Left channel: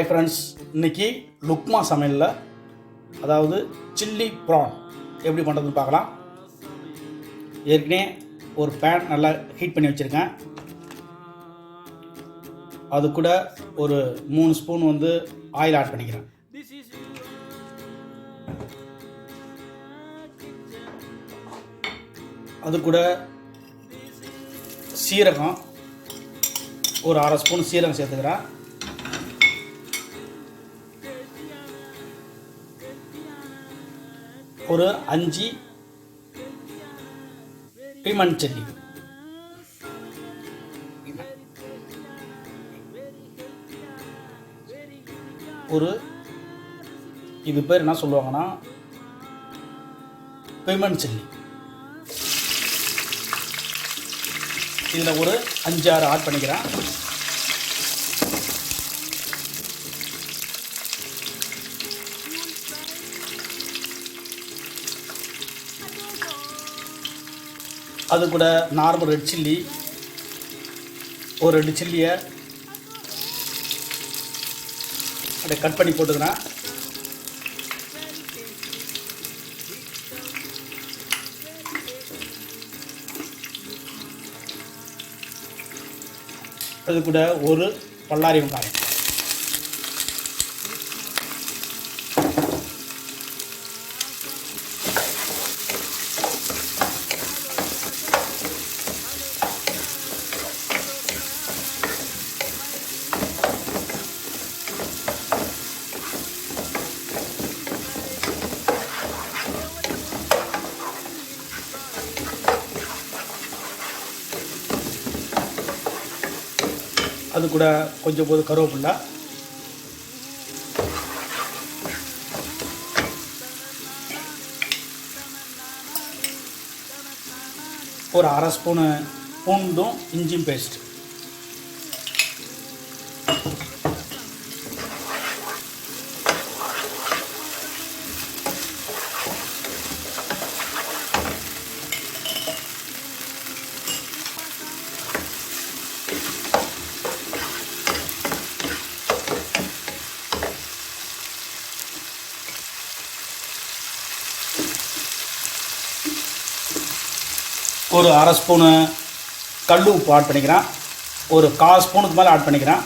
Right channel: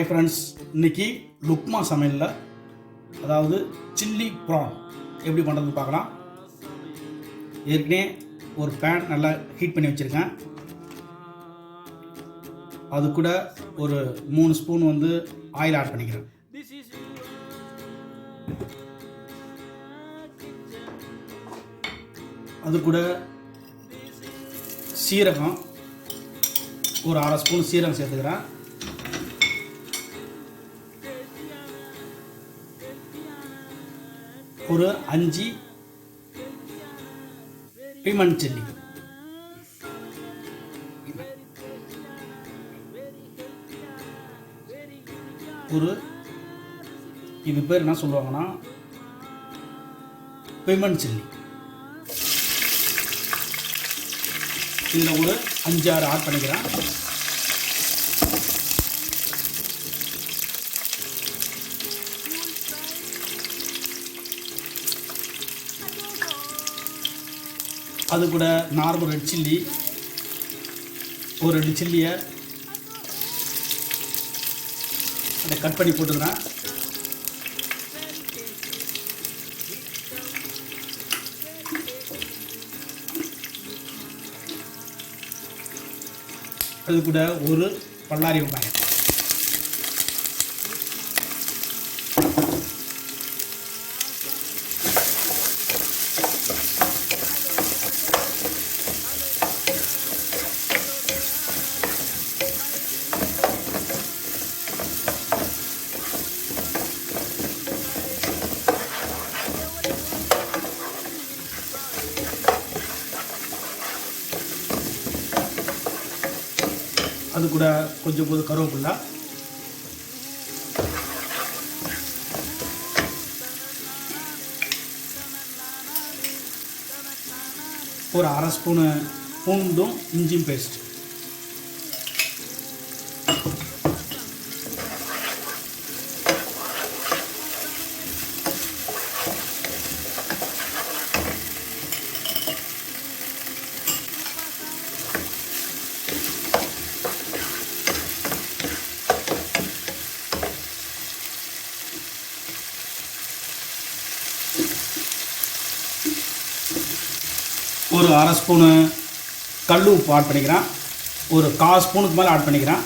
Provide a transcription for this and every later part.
Hi friends, இன்றைக்கி லுக்மா சமையலில் அதாவது சில்லி ப்ரான் எப்படி பண்ணுறதுன்னு பார்க்கலாம். ஏற்கனவே ஒரு பேன் நல்லா ஹீட் பண்ணி வச்சுருக்கேன். அது கூட ஒரு 3 ஸ்பூன் ஆயில் ஆட் பண்ணிக்கிறேன். அது கூட சீரகம் ஒரு 1/2 ஸ்பூன் சீரகம் சேர்த்துக்கிறேன். ஒரு 5 லெமன் சில்லி, இது பேர் என்ன சொல்லுவாங்கன்னா லெமன் சில்லி. இதில் ஒரு 5-6 ஆட் பண்ணிக்கிறேன். அது கூட நார்மல் ரெட் சில்லி ஒரு 2 சில்லியை அதை கட் பண்ணி போட்டுக்கிறேன். அது கூட ஒரு பல்லாரி வெங்காயம், அது கூட கொஞ்சம் கருவேப்பிலை, ஒரு 1/2 ஸ்பூனு பூண்டும் இஞ்சியும் பேஸ்ட், ஒரு 1/2 ஸ்பூனு கல் உப்பு ஆட் பண்ணிக்கிறேன். ஒரு 1/4 ஸ்பூனுக்கு மேலே ஆட் பண்ணிக்கிறேன்.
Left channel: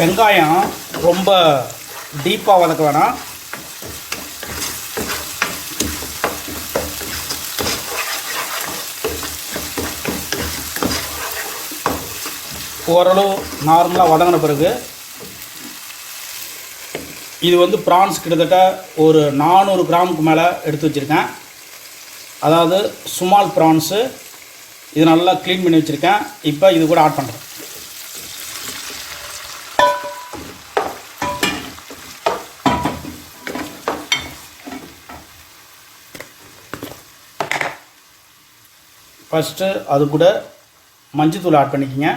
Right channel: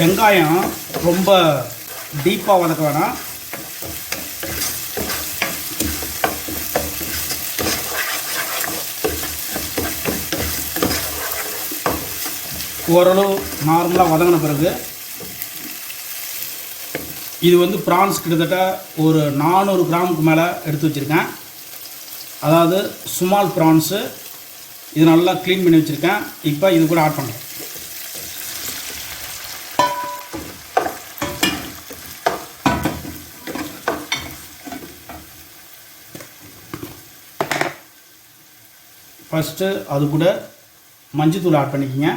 வெங்காயம் ரொம்ப டீப்பாக வதக்க வேணாம். ஓரளவு நார்மலாக வதங்கின பிறகு இது ப்ரான்ஸ் கிட்டத்தட்ட ஒரு 400 கிராமுக்கு மேலே எடுத்து வச்சுருக்கேன். அதாவது ஸ்மால் ப்ரான்ஸு. இது நல்லா க்ளீன் பண்ணி வச்சுருக்கேன். இப்போ இது கூட ஆட் பண்ணுறேன். ஃபஸ்ட்டு அது கூட மஞ்சத்தூள் ஆட் பண்ணிக்கோங்க.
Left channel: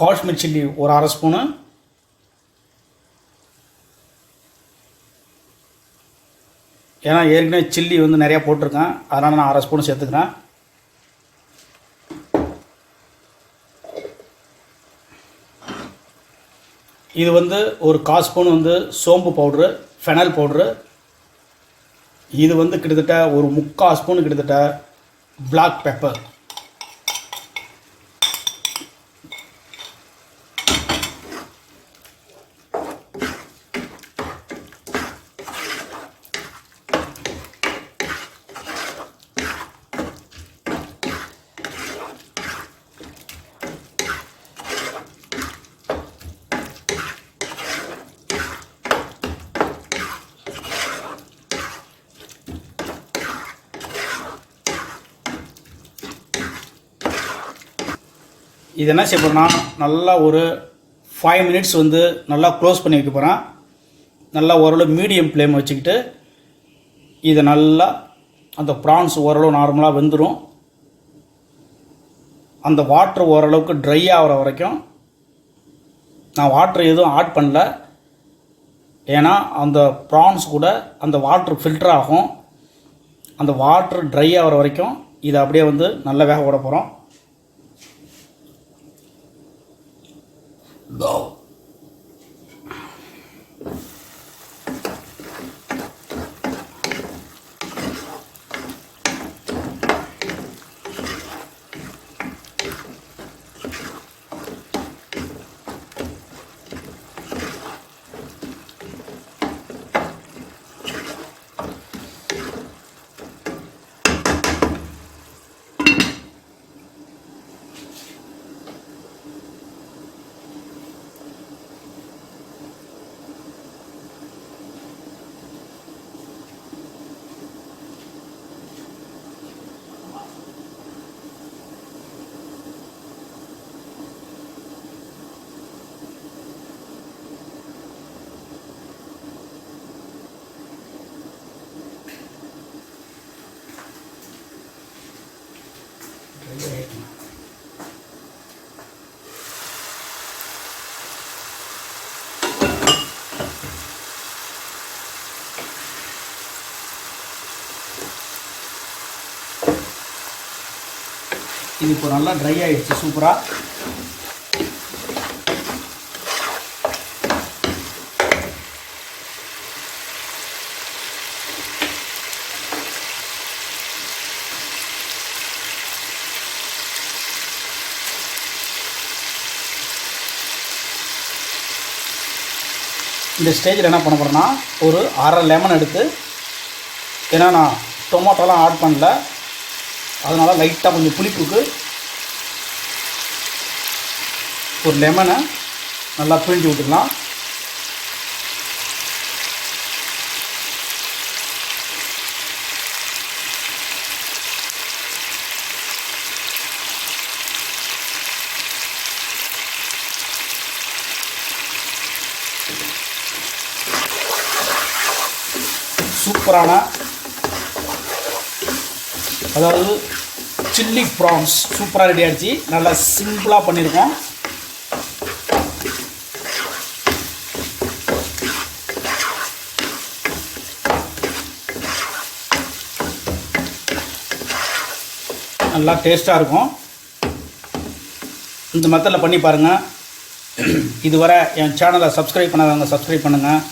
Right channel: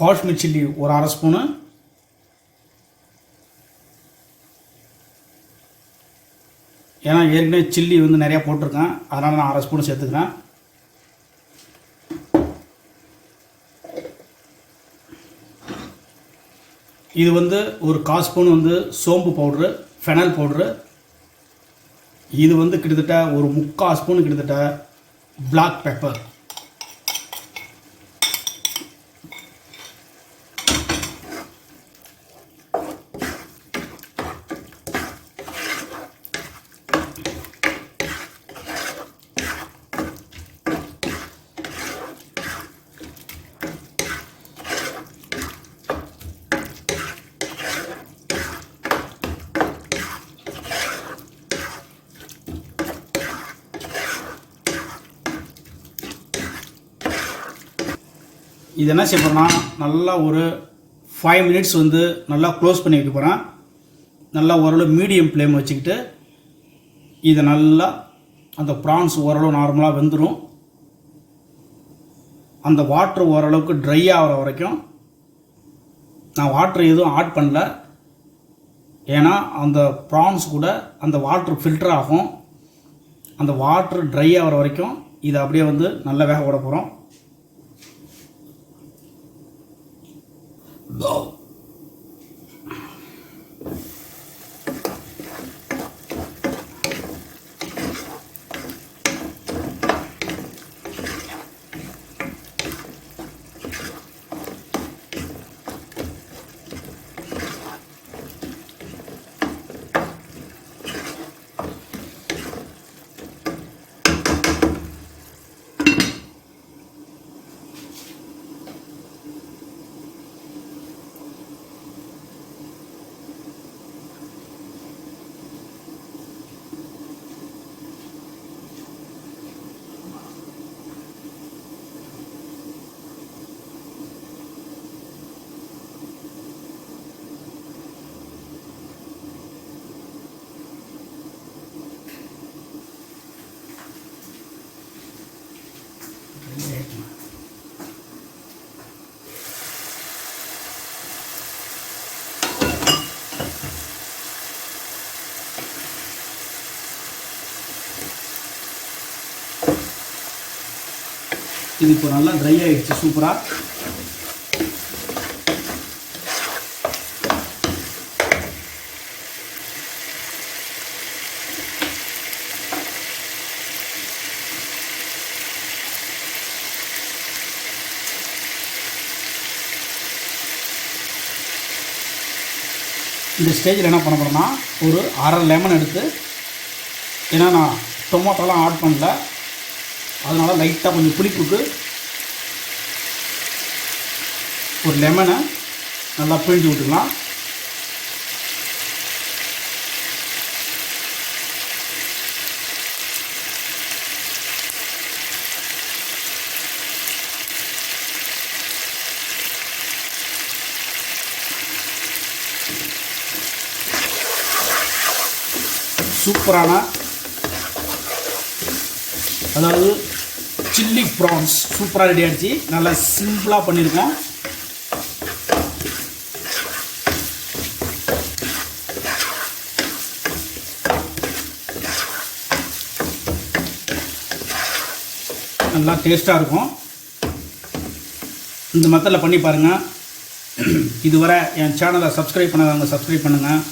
காஷ்மீர் சில்லி ஒரு 1/2 ஸ்பூனு, ஏன்னா ஏற்கனவே சில்லி நிறையா போட்டிருக்கேன், அதனால் நான் 1/2 ஸ்பூன் சேர்த்துக்கிறேன். இது ஒரு 1/4 ஸ்பூன் சோம்பு பவுட்ரு, ஃபெனல் பவுட்ரு. இது கிட்டத்தட்ட ஒரு 3/4 ஸ்பூன் கிட்டத்தட்ட பிளாக் பெப்பர். இது என்ன செய்ய போகிறேன்னா நல்லா ஒரு 5 மினிட்ஸ் வந்து நல்லா க்ளோஸ் பண்ணி வைக்க போகிறேன். நல்லா ஓரளவு மீடியம் ஃப்ளேம் வச்சுக்கிட்டு இதை நல்லா அந்த ப்ரான்ஸ் ஓரளவு நார்மலாக வெந்துடும். அந்த வாட்டர் ஓரளவுக்கு ட்ரை ஆகிற வரைக்கும் நான் வாட்டர் எதுவும் ஆட் பண்ணல. ஏன்னா அந்த ப்ரான்ஸ் கூட அந்த வாட்டர் ஃபில்டர் ஆகும். அந்த வாட்டர் ட்ரை ஆகிற வரைக்கும் இதை அப்படியே வந்து நல்லா வேக விட போகிறோம். இது இப்போ நல்லா ட்ரை ஆகிடுச்சு சூப்பராக. இந்த ஸ்டேஜில் என்ன பண்ண போகிறேன்னா ஒரு அரை லெமன் எடுத்து, ஏன்னா நான் டொமேட்டோலாம் ஆட் பண்ணல, அதனால் லைட்டாக கொஞ்சம் புளிப்புக்கு ஒரு லெமனை நல்லா பிழிஞ்சு விட்டுக்கலாம். சூப்பரான அதாவது சில்லி ப்ரான்ஸ் சூப்பராக ரெடி ஆகிடுச்சு. நல்லா சிம்பிளாக பண்ணியிருக்கோம். நல்லா டேஸ்ட்டாக இருக்கும். இந்த மெத்தடில் பண்ணி பாருங்கள். இதுவரை என் சேனலை சப்ஸ்கிரைப் பண்ணாதவங்க சப்ஸ்கிரைப் பண்ணுங்கள்.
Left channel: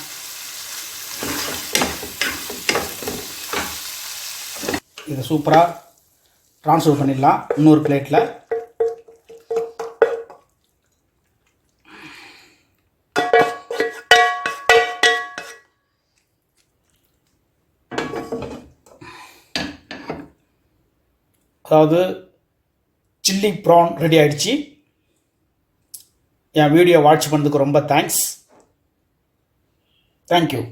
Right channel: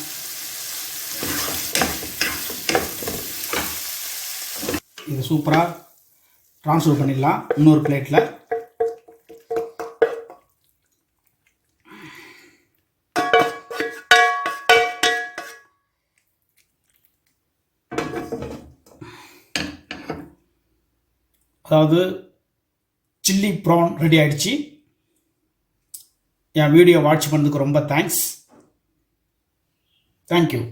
இதை சூப்பராக ட்ரான்ஸ்ஃபர் பண்ணிடலாம் இன்னொரு பிளேட்டில். அதாவது சில்லி ப்ரான் ரெடி ஆகிடுச்சு. என் வீடியோ வாட்ச் பண்ணதுக்கு ரொம்ப தேங்க்ஸ். தேங்க்யூ.